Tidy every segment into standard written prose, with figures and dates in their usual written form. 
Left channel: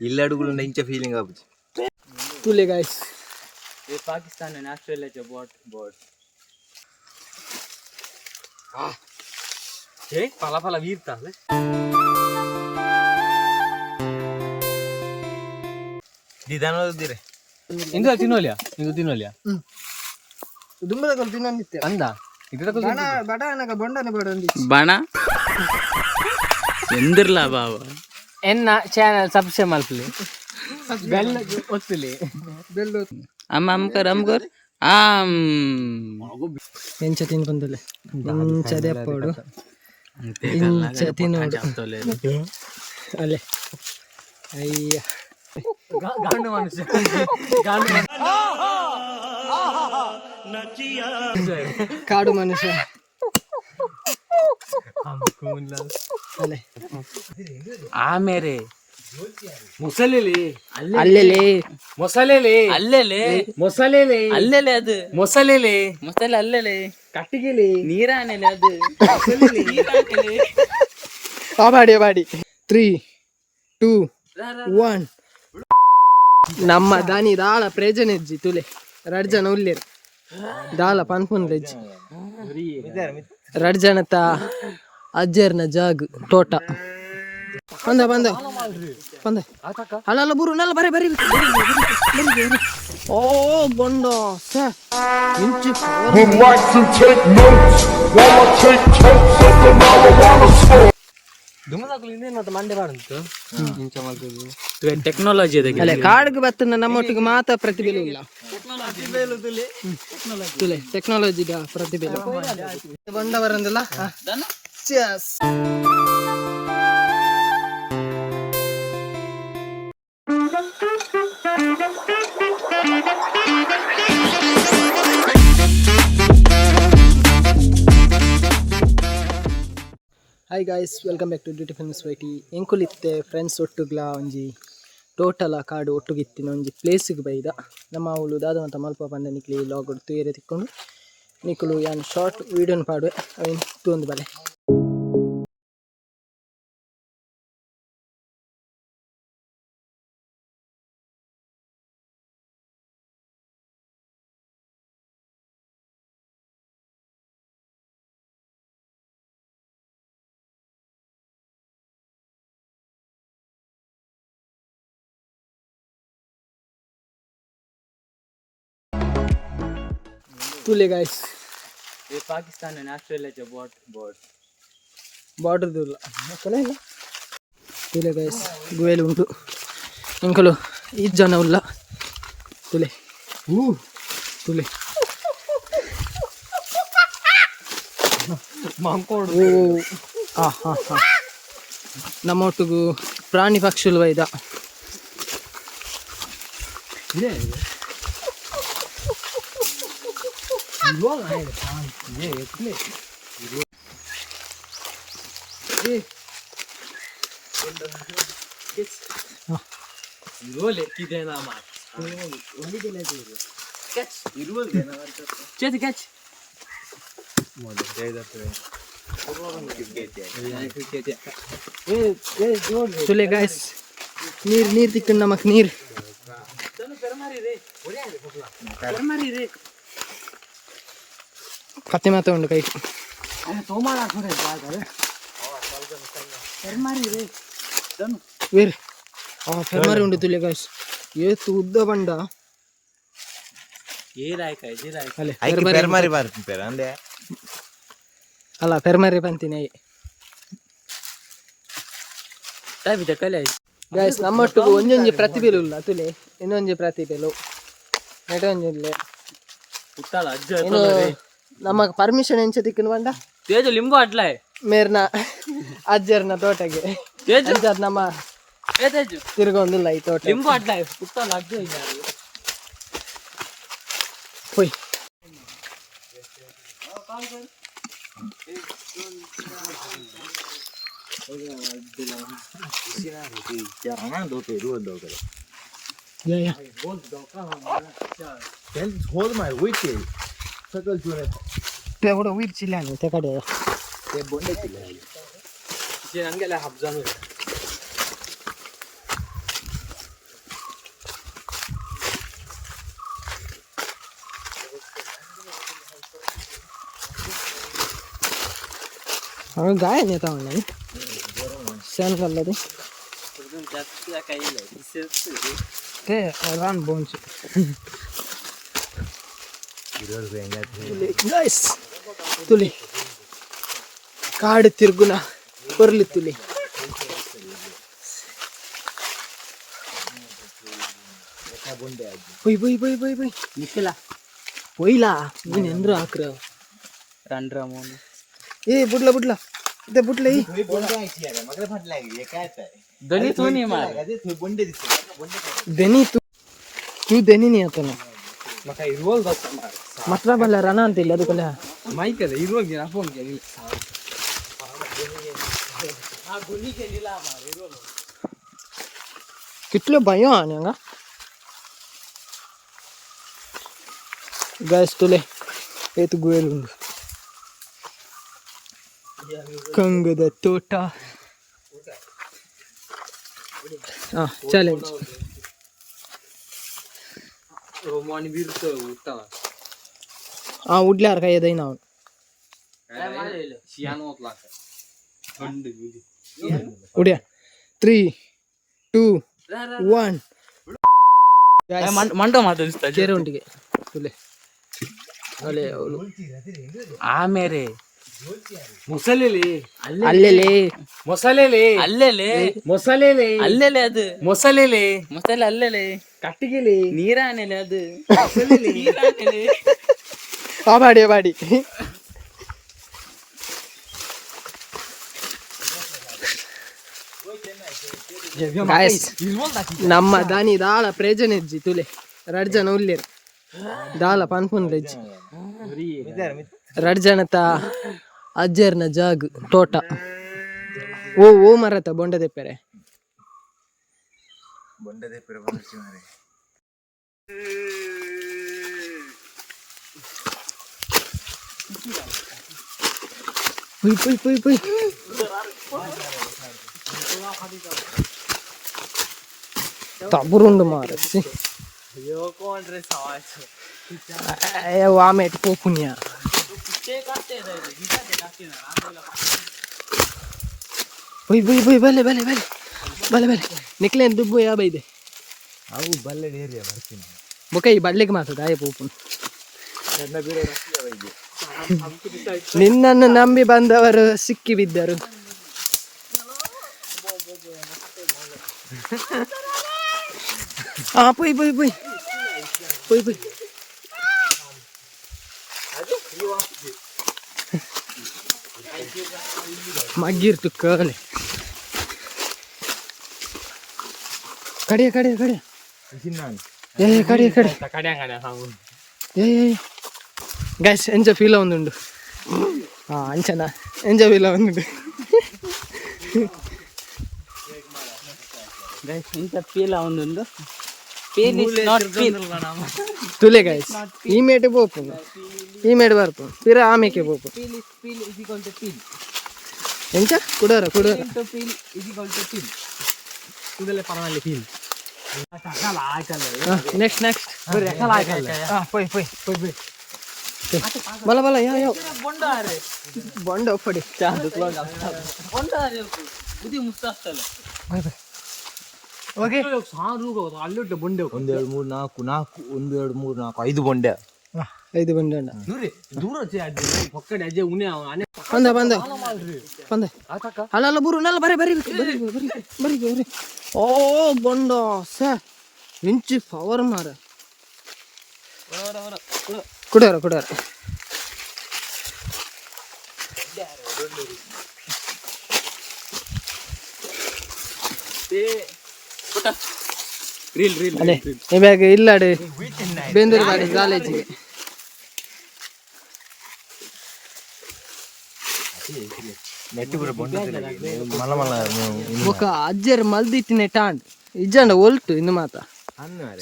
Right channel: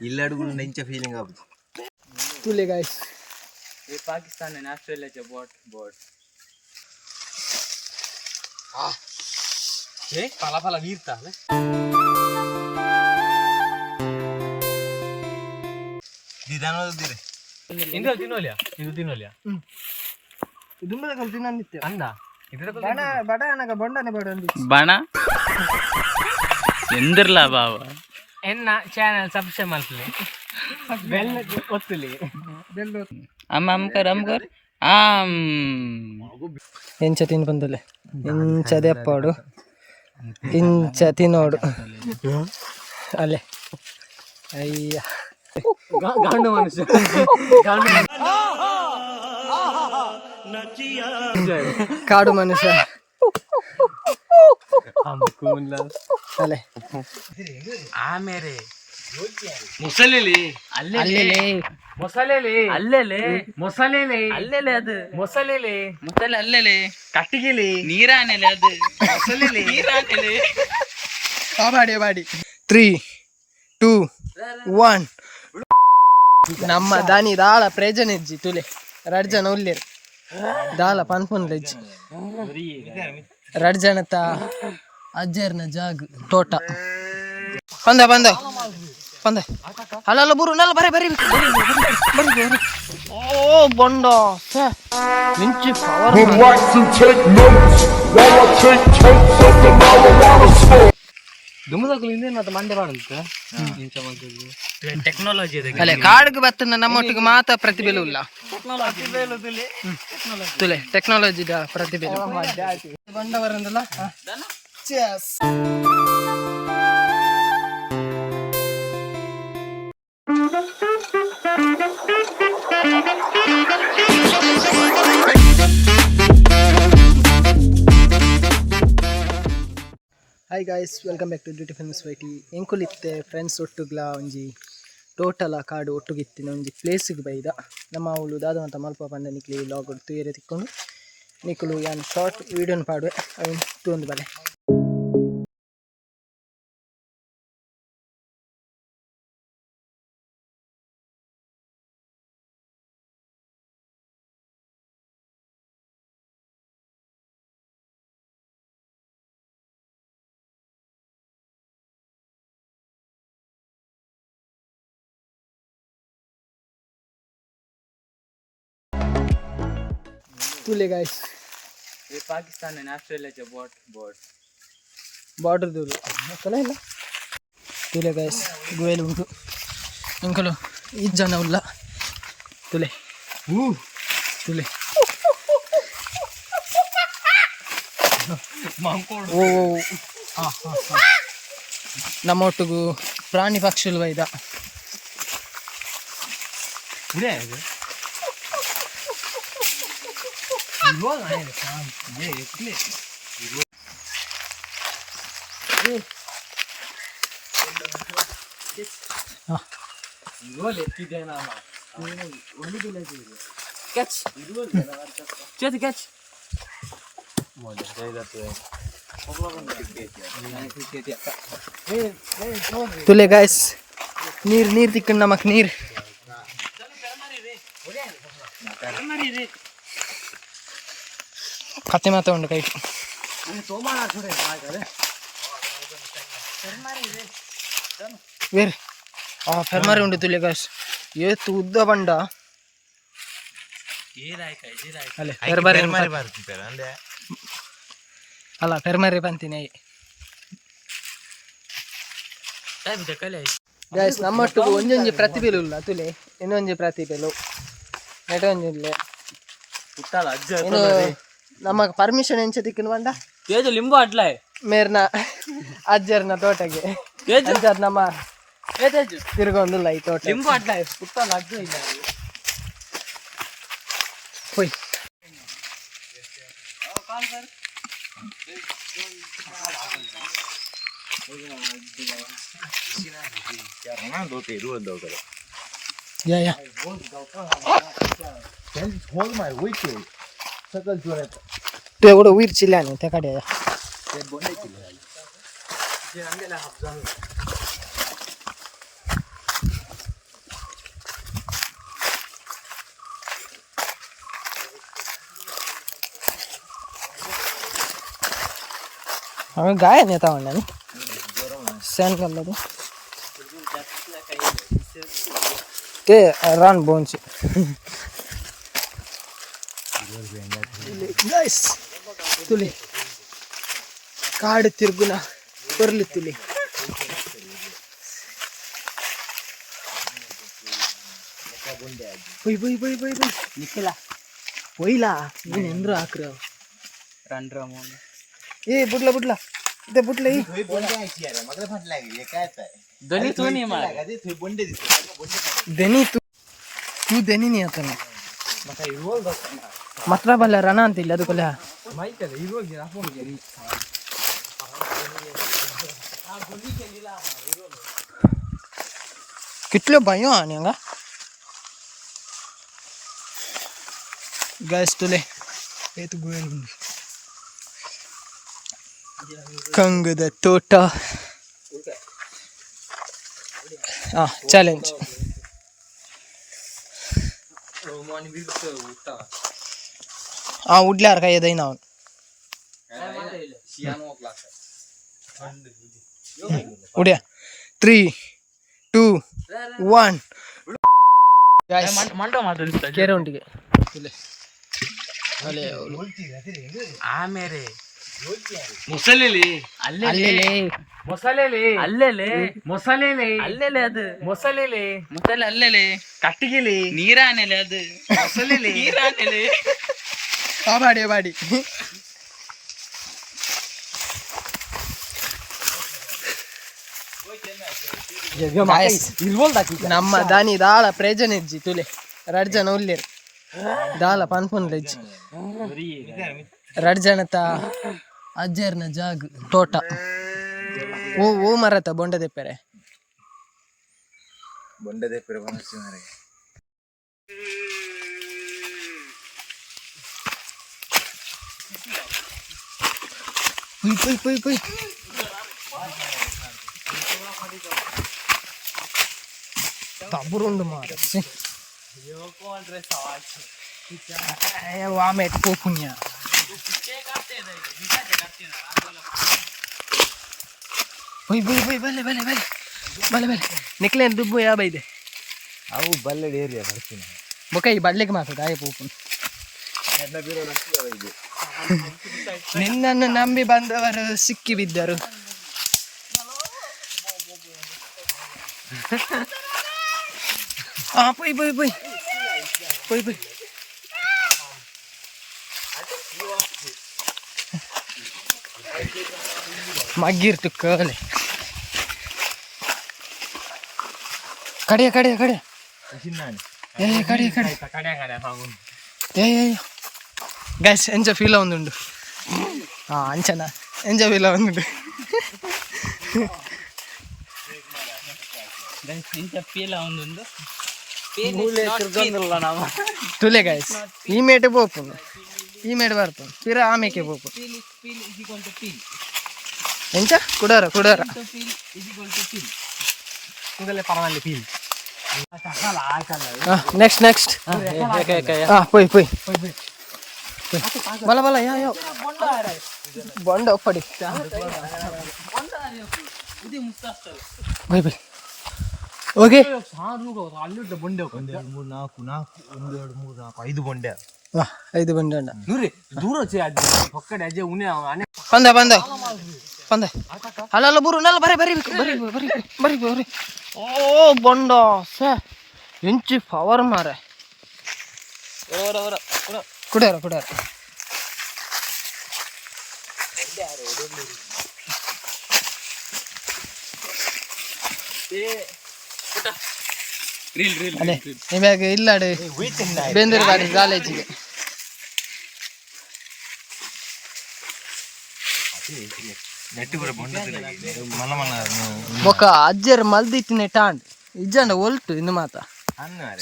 इल्ल अडुगुल inch feeling आबुது तुले guys ये Pakistan and Australia के बोट ए पाला पाला वीरता ले दिदानो दिरे इंदु तिनोलिया ದುಂಬದ ಕಲ್ ತಿನ್ನಂದಿತ್ತೆ ಅಂದ ಇದರ ಬಡ ಅನಗ ಬೊಂಡನೆ ಬಡಂದಿ ಬಣ ಎಂದಿರ್ಲ ಬಾವ ಎನ್ನ ಚಾನೆಲ್ ಸಬ್ಸ್ಕ್ರೈಬ್ ಮಾಡ್ಲಿ ಬೆಲ್ ಒತ್ತಲಿ ಬೆಲ್ ಅಮ್ಮ ಕರ್ ಆಮ್ ಎಂಚ ತಿನ್ ಬಂದಲೆ ಇಂಚ ದೆಪ್ಪೋಡು ಇಂಚ ತಿನ್ನೋಡು ಅಲೆ ಅಯ್ಯ ಗಾಂಡು ಮನುಷ್ಯ ಕಾಡು ಮನುಷ್ಯ ಅಲೆ ಆಮೇಲೆ ಮೊಸಲೆಲೆ ಅಲ್ಲೆಲೆ ಮೊಸಲೆಲೆ ಅಲ್ಲೆಲೆ ಮೊಸಲೆಲೆ ಅಲ್ಲೆಲೆ ಅದು ಮೊಸಲೆಲೆ ಮೊಸಲೆ ಅಲ್ಲೆಲೆ ಕಟ್ಟಿಗೆಲೆ ನೀರಾನೆಲೆ ಅದು ಮೊಸಲೆಲೆ ನೀರಾನೆಲೆ ಬಾಡಿ 3 2 1 ನಮ್ಮ ದಾನಿ ದಾಳ ಪ್ರೇಜನೆಜ್ಜಿ ತುಲೆ ರಡ್ಜನ ಉಲ್ಲೇರು ದಾಳ ಪನ್ಪುನ್ ಲೆಜ್ಜಿ ರಡ್ಜನತ ಅಜ್ಜರ್ನ ಜಾಗ್ ತೋಟ ಬಂದ ಅಲ್ಲ ಬುರು ನಲ್ಲ ಬರಿ ಓ ಬೊಂಡ ಮಿಂಚಿ power Relax and take notes while I take totes of the marijuana smoke. ದುಮ್ಮದಕ್ಕಲಿಂದ ಮಂಡೆ ಮಾಡುತ್ತ ಇಂಚ ಮಾಡ್ತದೆ ಟೆಕ್ನಾಲಜಿ ಅದಕ್ಕೆ ಅಲ್ಲ ಕಾಡಿಗೆ ಬತ್ತನ ನಮ್ಮೊಟ್ಟಿಗೆ ಮಾತ್ರ ಪ್ರತಿಭೆಲು ಇಲ್ಲ ತುಲೆ ಟೆಕ್ನಾಲಜಿದ ಪ್ರತಿಭೆಲು ಬಂದವರಂದಲ್ಲ chess hi guys welcome back to duty films YT ಎಂಕುಲಿತ್ತೆ ಫ್ರೆಂಡ್ಸ್ ಒಟ್ಟುಗ್ಲ ಒಂಜಿ ಟೋಟಲ ಕಾಡು ಒಟ್ಟುಗಿತ್ತಿನ ಒಂಜಿ ಪ್ಲೇಸಿಗೆ ಬೈದ ನಮ್ಮ ಅವಳು ದಾದವಂತ ಮಲ್ಪ ಬಂದ ನಿಕ್ಲಿ ಲಾಗ್ ಹೊಡ್ತು ಏರೆ ತಿಕ್ಕೊಂಡು ನಿಕ್ಕಲು ಯಾನ್ ಶಾರ್ಟ್ ವೀಡಿಯೋನ ಪಾಡುವೆ ಅವಿನ್ ತೂಂದು ಬಲೆ तुले गाइस ये पाकिस्तान and Australia के बोट ಬಾರ್ಡರ್ ದೂರು ಅಕ್ಕಲ್ಲ ಇಲ್ಲ ತುಲೆ ಗಾಯ್ಸ್ ಗುವೇಲು ಉಂಟು ಅಂಕಲು ಈ ಜನ ಉಲ್ಲ ತುಲೆ ತುಲೆ ಓ ಹಾಂ ನಮ್ಮ ಒಟ್ಟಿಗೂ ಪ್ರಾಣಿ ಪಕ್ಷಿಗಳು ಬೈದ ತುಲೆ ಗಾಯ್ಸ್ ನೀರ್ ತಿಕ್ಕಂಡು ನಮಕ್ ನೀರ್ ಕತ್ತೆ ಮಾತ ಉಂಡು ಕೈ ವೇರ್ ಫೆರ್ಮಾರಿ ಉಂಡು ತುಲೆ ಗಾಯ್ಸ್ ಏತು ಉದ್ದ ಬಂಡ ಅಲ್ಲೇ ಅಲ್ಲ ಫೆರ್ಮಾರಿ ಬಂತೀನಿ ಗಾಯ್ಸ್ ನಮ್ಮೊಟ್ಟಿಗೂ ಒಂದೊಂದು ಪ್ರತಿಭೆಲು ಇಲ್ಲ ತುಲೆ ಇನ್ನೊಂದು ಪ್ರತಿಭೆಲು ನೆಟೊಂದಿಲ್ಲ ಏನು ನಮ್ಮ ಪರ್ಮಿಷನ್ ಎಂಚ ತಿಕ್ಕನು ಬಂಡ ತೇಜು ಲಿಂಬು ಅಟ್ಲೇ ಮೇರ್ನ ಅಜ್ಜರ್ನ ತೋಟಗೆ ಅಜ್ಜರ್ ನಮ್ಮ ತಿರ್ಗೊಂದಿಲ್ಲ ಈ ತೋಟ ಲಿಂಬು ಅಟ್ಲೇ ಪುಟ್ಟಲ್ಲ ಅಜ್ಜ ಇಲ್ಲ ಹೋಯ್ या होद मार होईचे सकल जोरे तू एवढं वीर चिल्ला नाही त्या काड्या ते बोंडे चिल्ला जे नंगेला हब्जान हमें गाय नहीं था ऑनलाइन सेंड कर लेते के रन बोन से गाइस तुले कार्ड तिरगुना परली तुले पोई पोई पोई पोई पोई निकला पोईला ನೀನು ಎಂದ್ರು ಹಾಕ್ರ ರಂಡ್ರ ಮೋನ್ ಏ ಬುಡ್ಲ ಬುಡ್ಲ ಇದೆ ಬುಡ್ಲ ಈ ದನಿ ತೂನಿ ಮಾರ ದನಿ तू दनी नहीं आता ना मतलब बल्ला रना अंतिल ಅದು ಕಲ ಮೈಕ್ ಅದ ಇರುವಾಗ ಫೋನ್ ಗೆ कितले भयो आनेगा गैस तुले ये तो गुएल उंದು ಕಂಗದ ತೋಟ ಚಾಲೆಂಜ್ रोमान वीरत उठा उडल्यार काय येदय ना शियानो क्लास थंड उड्या 3 2 1 गाइस ಮಂಟ ಮಾತಾಡಿಸ್ತಾ ಕೇರೆ ಉಂಟಿಗೆ ತುಲೆ ಅಲೆ ಅವಳು ಆಮೇಲೆ ಮೊಸಲೆಲೆ ಅಲ್ಲೆಲೆ ಮೊಸಲೆಲೆ ಅಲ್ಲೆಲೆ ಮೊಸಲೆಲೆ ಅಲ್ಲೆಲೆ ಅದು ಮೊಸಲೆಲೆ ಮೊಸಳೆ ಅಲ್ಲೆಲೆ ಕಟ್ಟಿಗೆಲೆ ನೀರಾನೆಲೆ ಅದು ಮೊಸಲೆಲೆ ನೀರಾನೆಲೆ ಬಾಡಿ गाइस ನಮ್ಮ ದಾನಿ ದಾಳ ಪ್ರೇಜನೆಜ್ಜಿ ತುಲೆ ರಡ್ಜನ ಉಲ್ಲೇರು ದಾಳ ಪನ್ಪುನ್ಲೆಜ್ಜಿ ರಡ್ಜನತ ಅಜ್ಜರ್ನ ಜಾಗ್ ತೋಟ ಓ ಮರತ ಬೊಂಡ ದೆಪ್ಪೆರೆ ಪುಯ್ ತಬುರುಂಡು ಮಾರಸಿ ಆಮೇಲೆ ಪೋಪುಣ್ಯ ಬೈ ಬಲೆ ನಿಕ್ಲೆ ದುಬ್ಬು ಯಾ ಬೈದೆ ಅವು ಬಲ್ಲೆಡ್ ಏರಿಯಾ ಬರ್ತೀನಿ ಬೊಕ ಈ ಬಳ್ಳಿಗೆ ಮಾತದ ಆಯ ಪೋಪುನ್ ನಿನ್ನನ್ನು ನಂಬಿ ಬಂದವರು ಸಿಕ್ಕಿ ಬಿದ್ದರು ಪೊಯ್ ಮಗ್ಗಿರ್ತು ಕಲೆ ಕಡೆ ಗೈಸ್ ಎಂಜ ಫೀಲ ಒಂದುಂಡು ಅಂಚನ ಎಂಜ ಫೀಲ ಒಂದುಂಡು ಇಂಥ ಪೀಲ ಒಂದೊಂದು ತುಲೆ ಗೈಸ್ ಈ ಮೇಟೆ ಪೋಪುಂಡು ಈ ಮೇಟೆ ಬರ್ಪುಂಡು ಪಿರ ಆಮೇಕೆ ಪೋಪು ಎಂಚ ಕುಡಾರ ನೆಕ್ಸ್ಟ್ ಪೊಯ್ ಬಲ ಯಾವ ಬೊಂಡ ಒಪ್ಪಡಿ ಬೈ ಓಕೆ ಅಲ್ಲಿಟ್ಟು ಬಂಡೆ 1 2 3 4 5 ಬೊಂಡೆ 5 ಬಂಡೆ ದೂರ ಪಕ್ಕಡೆ ಅಜ್ಜೆ ಉನೆ ಬಂದ ಅಲ್ಲ ಬುರು ನಲ್ಲ ಬರಿ ಓ ಬೊಂಡ ಸ ಎಂಚಿ ಪವರ್ ಮಾರೆ ಕುಡಾರ ಅದೇ ಇವಾಗ ಇಲ್ಲಾಡು ಬೇಂದೂರು ಬಾಡಿ ಕಾಲೇಜಿಗೆ ఒక అజ్జర్ మల్దిత్తినే టాండ్ ఇజ్జండ ఒల్టు ఇందు మాత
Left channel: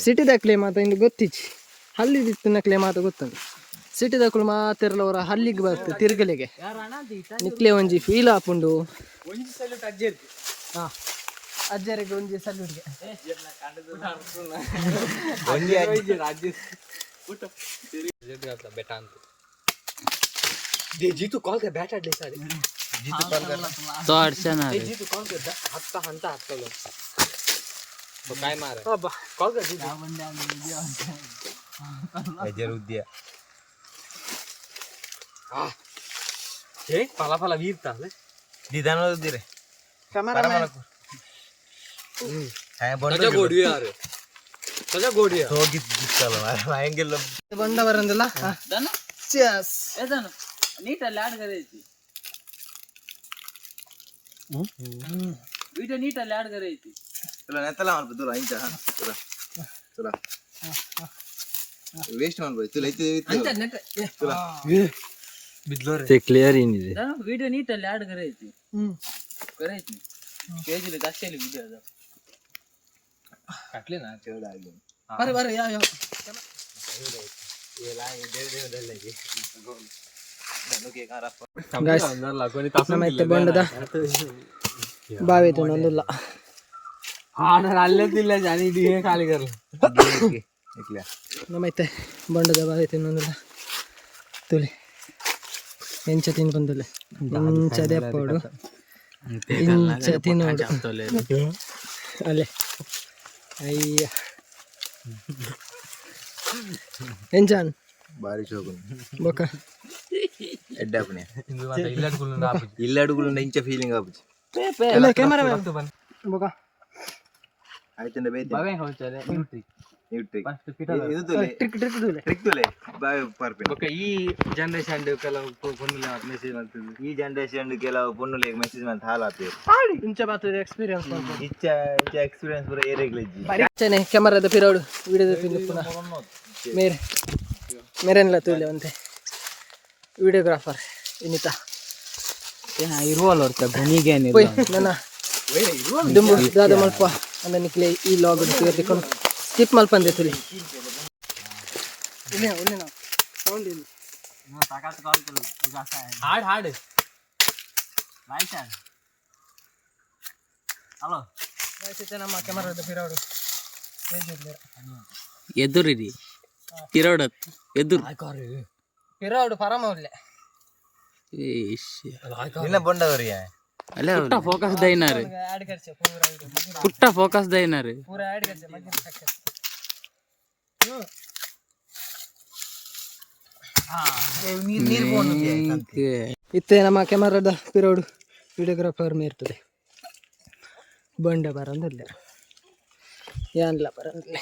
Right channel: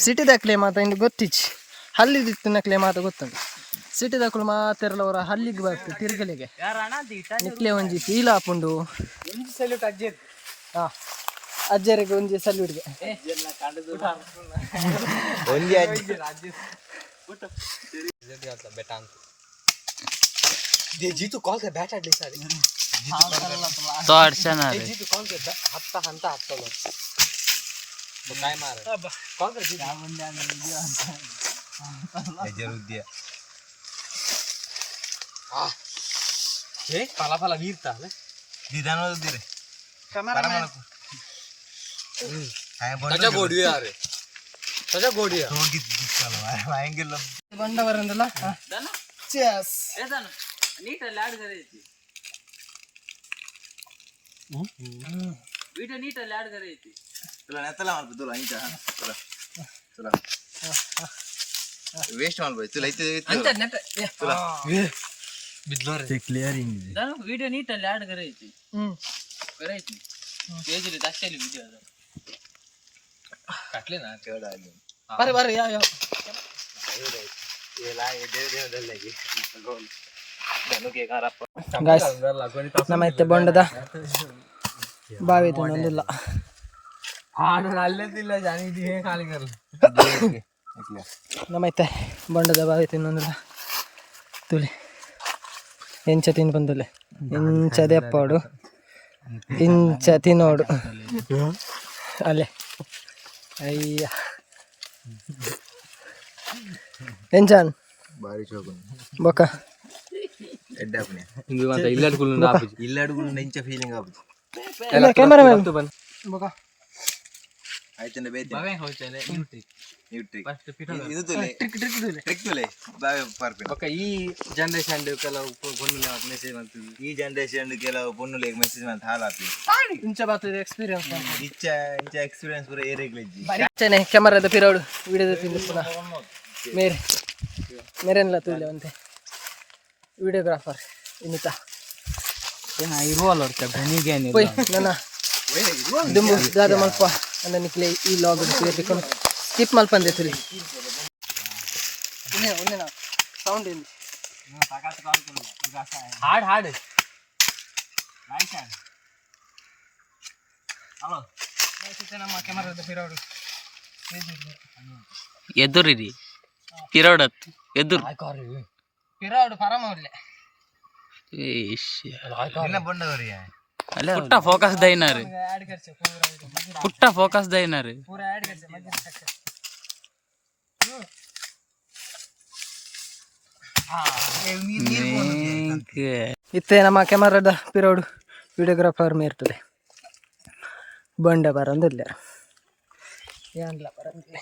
ಸಿಟಿ ದಕ್ಲೆ ಮಾತ ಇಂದು ಗೊತ್ತಿಚ್ಚಿ ಹಲ್ಲಿದಿತ್ತಿನಕ್ಲೆ ಮಾತ ಗೊತ್ತುಂಡು ಸಿಟಿ ದಕ್ಕಳು ಮಾತೆರಲವರ ಹಲ್ಲಿಗೆ ಬರ್ತದೆ ತಿರ್ಗಲಿಗೆ ನಿಕ್ಲೆ ಒಂಜಿ ಫೀಲ್ ಆಪುಂಡು ಅಜ್ಜರಿಗೆ ಒಂಜಿ ಸಲ್ಯೂಟ್ಗೆ जीतू कॉल कर बैठ आडली सारी तो अडचण आहे जितू कॉल करता हत्ता हंता हत्तलो तो काय मार अब्बा कॉल कर जितू याच्यावर उद्या ए पाला पाला वीरता दिदान दे रे कॅमेरामॅन काय बंड त्याच्या गोडी यार त्याच्या गोडी तो गीत चालू अँगल बंड बरंदला चेस ನೀಟ್ ಅಲ್ಲಿ ಆಡ್ ಕರೆಯಿತಿ ವಿಡಿಯೋ ನೀಟ್ ಅಲ್ಲಿ ಆಡ್ ಕರೆಯಿತಿ तुला नेताला मार तुला इंचा तुला तुला वेस्ट मार भाई तुला इथे ಅಂತ ನೆಟ್ तुला ಬಿದ್ಲೋರೆ ते क्लिअर ಏನಿದೆ ನಾನು ವಿಡಿಯೋ ನೀಟ್ ಅಲ್ಲಿ ಆಡ್ ಕರೆಯಿತಿ ಕರೆಯಿತಿ ಪೇಜ್ ಅಲ್ಲಿ ದಾಸ್ತಿಯಲ್ಲಿ ವಿಡಿಯೋ ಅದು काटले ना तेवढा आगे बरे बरे या या गाइस ನಮ್ಮೈತೆ ಬೊಂಡದ ಬಾವಿ ತಿನ್ನೊಂದಿಲ್ಲ ಅಲ್ಲದಿಲ್ಲ ಜಾನಿ ಡಿ ಖಾಲಿ ಕರ ನಮ್ಮೈತೆ ಬೊಂಡದ ಬಾವಿ ತಿನ್ನೊಂದಿಲ್ಲ ತುಳಿ ಎಂಚ ತಿನ್ ಬಂದಲೆ ಇಂಚ ದೆಪ್ಪೋಡು ಇಂಚ ತಿನ್ನೋಡು ಅಲ್ಲೇ ಅಯ್ಯ ಎಂಚಾನ್ ಬಾರಿ ಶೋಕುನ್ ಬೊಕ್ಕ ಎಡ್ಡ ಅಪ್ಪನೆ ಇಂದು ಇಲ್ಲಡುಗುಲು ಇಂಚ ಫೀಲಿಂಗ್ ಆಪುಜಿ ಇಲ್ಲ ಕ್ಯಾಮೆರಾಮನ್ ಬೊಕ್ಕ ಆಯ್ತಂದ ಬೇತೆ ಬಾವೆ ಹೋಗ್ತದೆ ನ್ಯೂಟ್ರಿ ಇದು ತುಲೆ ಟ್ರಿಕ್ ತುಲೆ ಬಾವೆ ಪಾರ್ಪೆ ಬೊಕ್ಕ ಈ ಜನರೇಷನ್ ಕೆಲವು ಪೊನ್ನುಲ ಮೆಸೇಜ್ ಮಾಡ್ತದೆ ಈ ಜನರೇಷನ್ ಕೆಲವು ಪೊನ್ನುಲೆಗ್ ಮೆಸೇಜ್ ಮಾಡ್ತ ಹಾಲಾಪೆ ಇಂಚ ಬಾತದೆ ಎಕ್ಸ್ಪೀರಿಯನ್ಸ್ ಮಾಡ್ಬೋದು ಇಂಚ ಎಕ್ಸ್ಪೀರಿಯನ್ಸ್ ಪೂರ ಏರೆಗ್ಲೆಜ್ಜಿ ಬಚ್ಚನೆ ಕ್ಯಾಮರಾದ ಪಿರೋಡು ವಿಡಿಯೋದ ತಿನ್ನಿಸ್ತಾನ ಮೇರೆನ್ಲ ತುಳ್ಳೆ ಅಂತೆ ವಿಡಿಯೋಗ್ರಾಫರ್ ಇನ್ನಿತ ಇರುವಲ್ಲ ಗಣಿಗೆ ಓಯ್ ನನ್ನ ದುಂಬು ದಾದ ಮಲ್ಪ ಅಂದ ನಿಕ್ಲೆ ಈ ಲಾಗ್ ತಿಳ್ಕೊಂಡು ಸ್ಕಿಪ್ ಮಲ್ಪಂದೆ ತುಳಿ ಉನ್ನೆ ನಾ ಸೌಂಡ್ ಏನು ಹಾಡು ಹಾಡು ಹಲೋ ನಮ್ಮ ಕ್ಯಾಮರಾದ ಪಿರೋಡು ಎದುರಿರಿ ಪಿರೋಡತ್ ಎದುರು ಪಿರೋಡು ಪರಮ ಒಳ್ಳೆ ನಿನ್ನ ಬಂಡವರಿ ಅಲ್ಲ ಪುಟ್ಟ ಫೋಕಸ್ ದೈನಾರು ಆಡ್ ಕರ್ಚೆ ಪೂರಾ ಪುಟ್ಟ ಫೋಕಸ್ ದೈನಾರು ಪೂರಾ ಆಡ್ ಕರ್ಚೆ ಮಜ್ಜಿನ ಸಕ್ಕರೆ ಇತ್ತೆ ನಮ್ಮ ಕ್ಯಾಮರಾದ ಪಿರೋಡು ವಿಡಿಯೋಗ್ರಾಫರ್ ಮೇರ್ತದೆ ಬಂಡ ಬರಂದಿಲ್ಲ ಏನಿಲ್ಲ ಬರಂದಿಲ್ಲ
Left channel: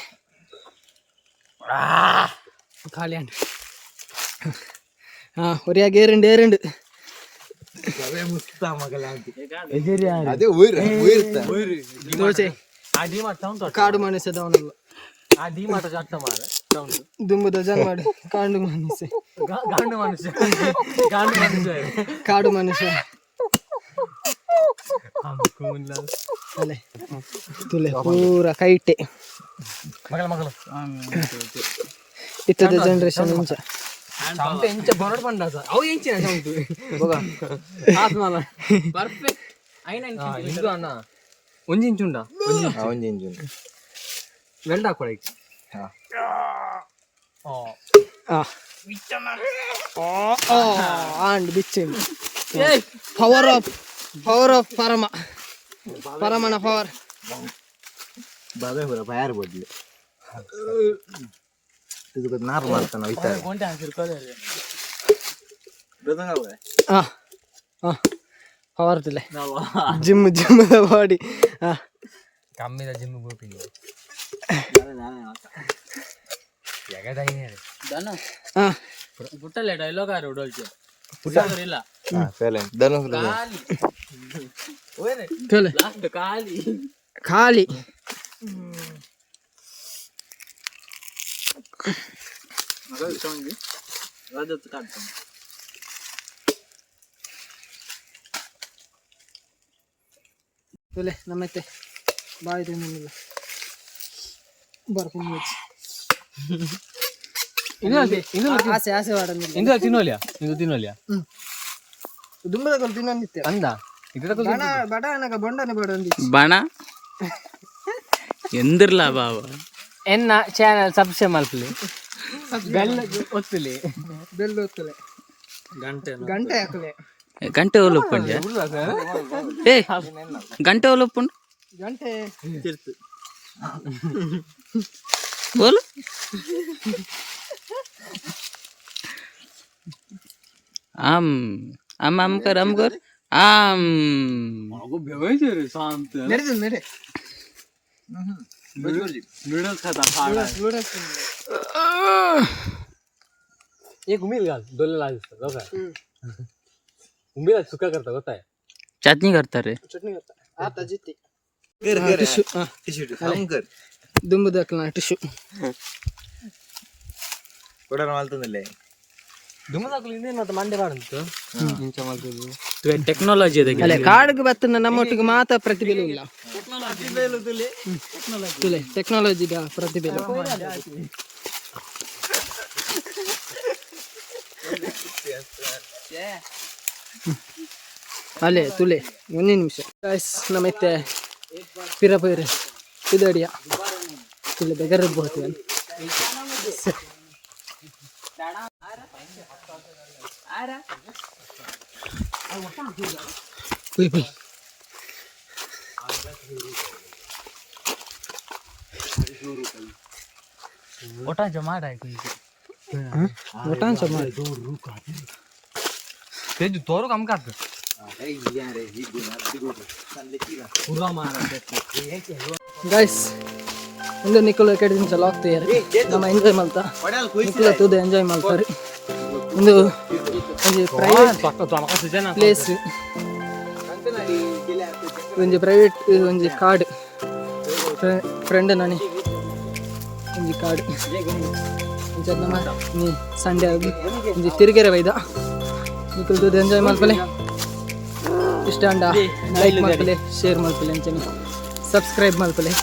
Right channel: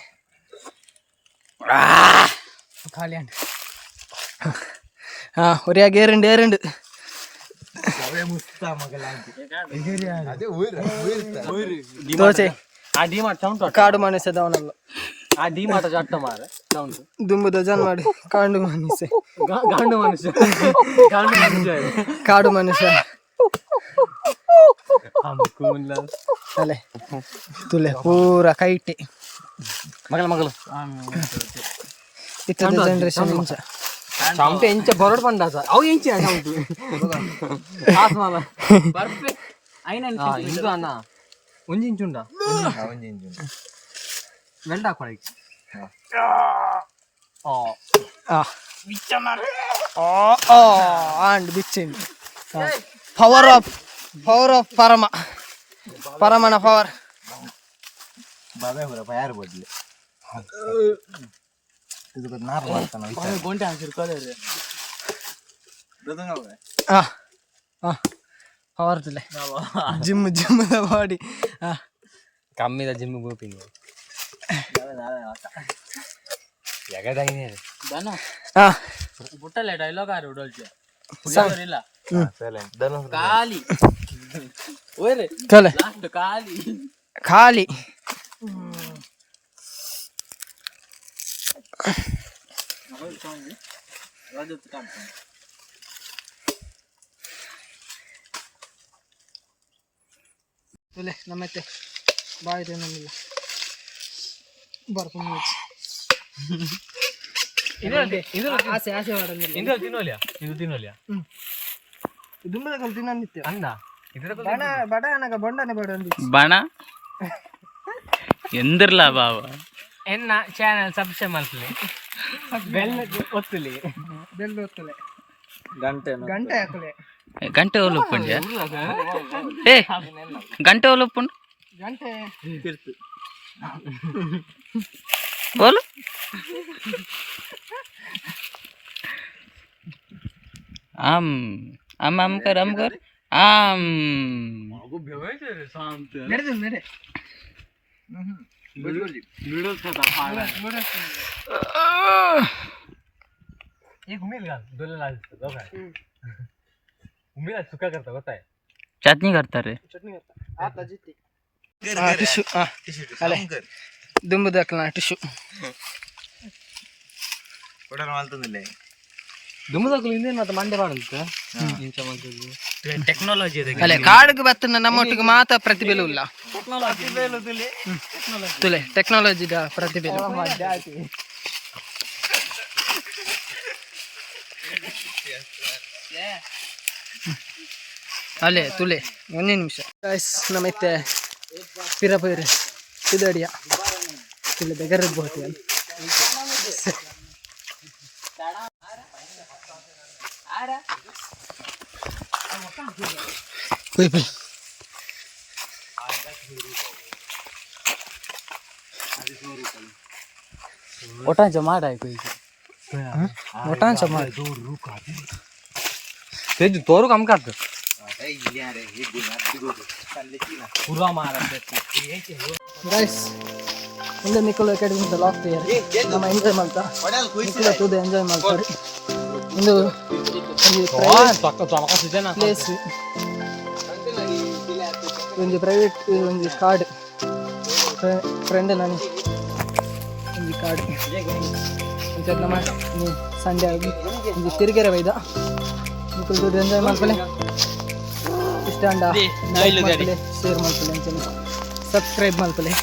ಖಾಲಿ ಅಂಡ್ ഒരേ ഏറുണ്ട് ದೋಸೆ ಕಾಡು ಮನಸ್ಸದವನಲ್ಲ ದುಂಬುದ ಜನ್ಮಾಡು ಕಾಡು ಮನುಷ್ಯ ಕಾಡು ಮನುಷ್ಯ ಅಲೆ ತುಲೆ ಪೂರ ಕೈಟೆ ಇತ್ತದ ಜನರೇಷನ್ ಇಂಚ ಸಂಪೆ ಇಂಚ ಬರೋಡ್ ಬಂದ ಸರ್ ಅವು ಇಂಚಿನ ಸೌಂಟು ಆಸ್ಮಾಲ ಪರ್ಫೆಕ್ಟ್ ಐನ ಇಂಚು ಅಣ್ಣ ಒಂಜಿ ಇಂಚು ಉಂಡ ಒಂಜಿ ಇಂಚು ವೆಲ್ಡ್ ಹಾಕೊಳಕ್ಕೆ ಅಂಡ್ ಬಿಚ್ಚಿಂಗ್ ಪವರ್ ಆಫ್ ಪರಮನ ಪವರ್ ಬಾಬೆ ಹೊರ ಬಯಾರ್ ಬಡ್ಲಿ ಇದು ನಾರು ಮಾಡ್ತಾನ ವಿಚಾರ ಗೊಂಡೆ ಹಾಕಿರ್ಕೊಳ್ಳಿ ಪವರ್ ತಿಲೆ ಜಿಮ್ಮದ ಬಾಡಿ ಕಮ್ಮಿದ ಜಿಮ್ ಗೋಪಿಂಗ್ ಪುಟ್ಟಲ್ಲೇ ಡೈಲಾಗ್ ಆರು ಉಡೋಲ್ಚೆ ಇಲ್ಲ ಖಾಲಿ ಓಯ್ರೆ ಚಲೆ ಲಾಸ್ಟ್ ಖಾಲಿ ಖಾಲಿ ತುಲೆ ನಮ್ಮತ್ತೆ ಬಾಯಿ ತಿನ್ನೋದಿಲ್ಲ ಬರ್ಕೊಂಡು ಆಸೆ ಆಸೆ ಮಾಡೋದಿಲ್ಲ ಇಂದು ತಿನ್ನೋಲಿಯಾ ಇಂದು ತಿನ್ನೋಲಿಯಾ ದುಂಬದ ಕಲ್ ತಿನ್ನೋದಿತ್ತೆ ಅಂದ ಬಣ ಬಡ ನನಗ ಬೊಂಡನೆ ಬೇಡ ಅಂದಿ ಬಣ ಎಂದಿರ್ಲ ಬಾವ ಎನ್ನ ಚಾನೆಲ್ ಸಬ್ಸ್ಕ್ರೈಬ್ ಮಾಡ್ಲಿ ಬೆಲ್ ಒತ್ತಲಿ ಬೆಲ್ ಒತ್ತಲೆ ಗಂಟೆ ಹಾಕಲೆ ಗಂಟೆ ಒಲುಪ್ಪುಂಡ್ಯ ಏ ಗಂಟೆ ಒಲುಪ್ಪುಂಡು ಗಂಟೆ ತಿರ್ತು ಓಲು ಆಮ್ ಅಮ್ಮ ಅಮ್ಕರ್ ಅಮ್ಕರ್ ಆಮ್ ನಡೆದು ನಡೆ एक उमेद घाल दोन लाल दिसतात उमेद सुका करता ಗೊತ್ತಾय ಚಟ್ನಿ करತಾರೆ ಚಟ್ನಿ करता आता जिते ಟಿಶ್ಯೂ ಅಲೆ ದುಂಬು ದಾಖಲ ಟಿಶ್ಯೂ ಕೂಡ ಮಾಲ್ತಂದಲ್ಲೇ ದುಮ್ಮದಾಕಲು ಇಂದೇನಂತ ಮಂಡೆ ಮಾಡಂತ ಇಂಚ ಮಾಡ್ತದೆ ಈಗ ಟೆಕ್ನಾಲಜಿ ಇದೆ ಅಲೆ ಕಾಡಿಗೆ ಬತ್ತನ ನಮ್ಮೊಟ್ಟಿಗೆ ಮಾತ್ರ ಪ್ರತಿಭೆಲು ಇಲ್ಲ ತುಲೆ ಟೆಕ್ನಾಲಜಿದ ಪ್ರತಿಭೆಲು ಅಲೆ ತುಲೆ ಒಂದೇ ನಿಮಿಷ ಗಾಯ್ಸ್ ನಮ್ಮತ್ತೆ ಪಿರಪೈರೆ ಇದಡಿಯ ತುಲೆ ಬೆಗರದ್ದು ಬಹುತೇನೆ Pui pui. ಒಟಾಂಚ ಮಾಡಾಯ್ತು ಈಗ ಒಟಾಂಚ ಮಾಡಿ तेज तोरू काम करतो पुरा मारा ಗೈಸ್ ಇಂದು ನಿಖಿಲ್ ಅಕಾಡೆಮಿ ಲಾಗ್ತಿದ್ದಾರೆ ನಮ್ಮ ಎಂಜಾಯ್ ಮಾಡ್ತಾ ನಿಖಿಲ್ ತುದು ಎಂಜಾಯ್ ಮಾಡ್ತಾರೆ ಒಂದು ಪ್ರೈವೇಟ್ ಪ್ಲೇಸ್ ಒಂದು ಪ್ರೈವೇಟ್ ಒಂದು ಕಾರ್ಡ್ ಫ್ರೆಂಡ್ ನಾನಿ ಒಂದು ಕಾರ್ಡ್ ನಮ್ಮ ನೀ ಸಂಡೆ ಆಗಿ ಒಂದು ತಿರುಗೆರೆ ಬೈದ ನಿಖಿಲ್ ತುದು ಎಂಜಾಯ್ ಮಾಡ್ಕೊಳ್ಳಿ ಇಷ್ಟ ಅಂಡ ಲೈಕ್ ಮಾಡ್ಕೊಳ್ಳಿ ಶೇರ್ ಮಾಡ್ಕೊಳ್ಳಿ ಅಂತಾನೆ ಸಬ್ಸ್ಕ್ರೈಬ್ ಮಾಡ್ಕೊಳ್ಳಿ